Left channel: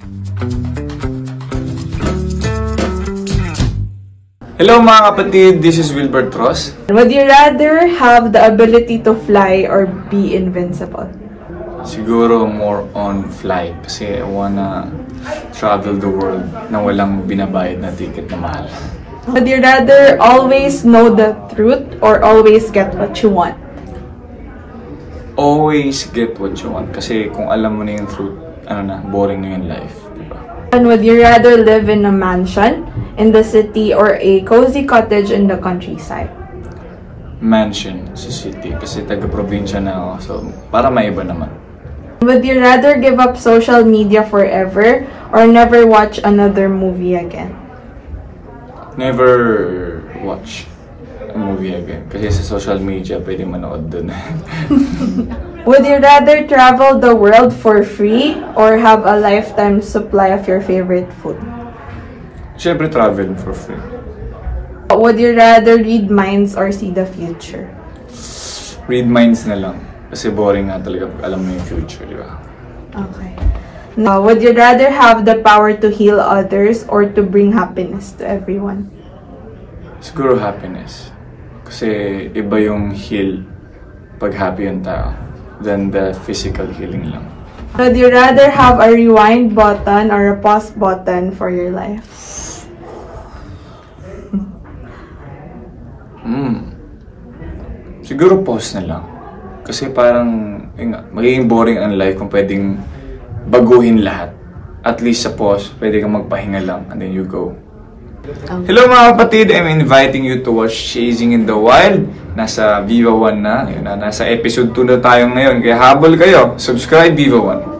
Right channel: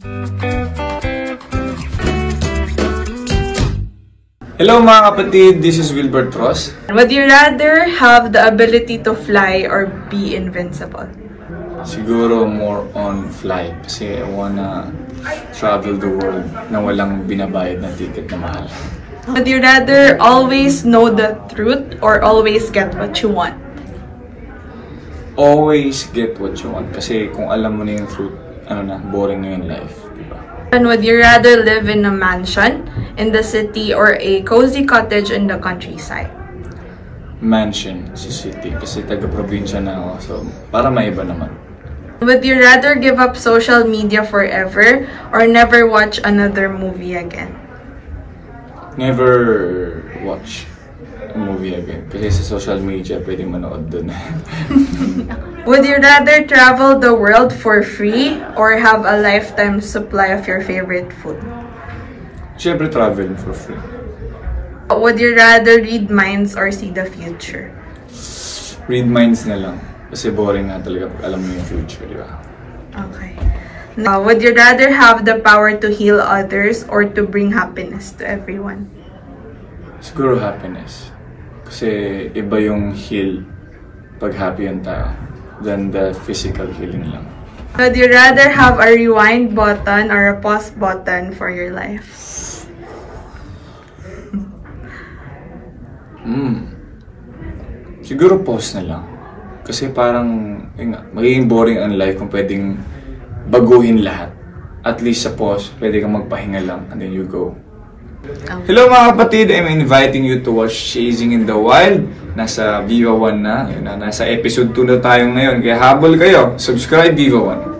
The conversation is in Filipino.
Hello mga kapatid, this is Wilbert Ross. Would you rather have the ability to fly or be invincible? Siguro more on fly kasi I wanna travel the world na walang binabayad na ticket na mahal. Would you rather always know the truth or always get what you want? Always get what you want kasi kung alam mo na yung truth, boring na yung life, diba? And would you rather live in a mansion in the city or a cozy cottage in the countryside? Mansion sa city kasi taga-probinsya na ako, so para maiba naman. Would you rather give up social media forever or never watch another movie again? Never watch a movie again kasi sa social media pwede manood dun. Would you rather travel the world for free or have a lifetime supply of your favorite food? Siyempre travel for free. Would you rather read minds or see the future? Read minds na lang. Kasi boring nga talaga pag alam mo yung future, di ba? Okay. Now, would you rather have the power to heal others or to bring happiness to everyone? Siguro happiness. Kasi iba yung heal pag happy yung tao than the physical healing lang. Would you rather have a rewind button or a pause button for your life? Siguro pause na lang. Kasi parang magiging boring ang life kung pwedeng baguhin lahat. At least sa pause, pwede kang magpahinga lang and then you go. Hello mga kapatid, I'm inviting you to watch Chasing in the Wild. Nasa Viva 1 na, nasa episode 2 na tayo ngayon. Kaya habol kayo, subscribe Viva 1.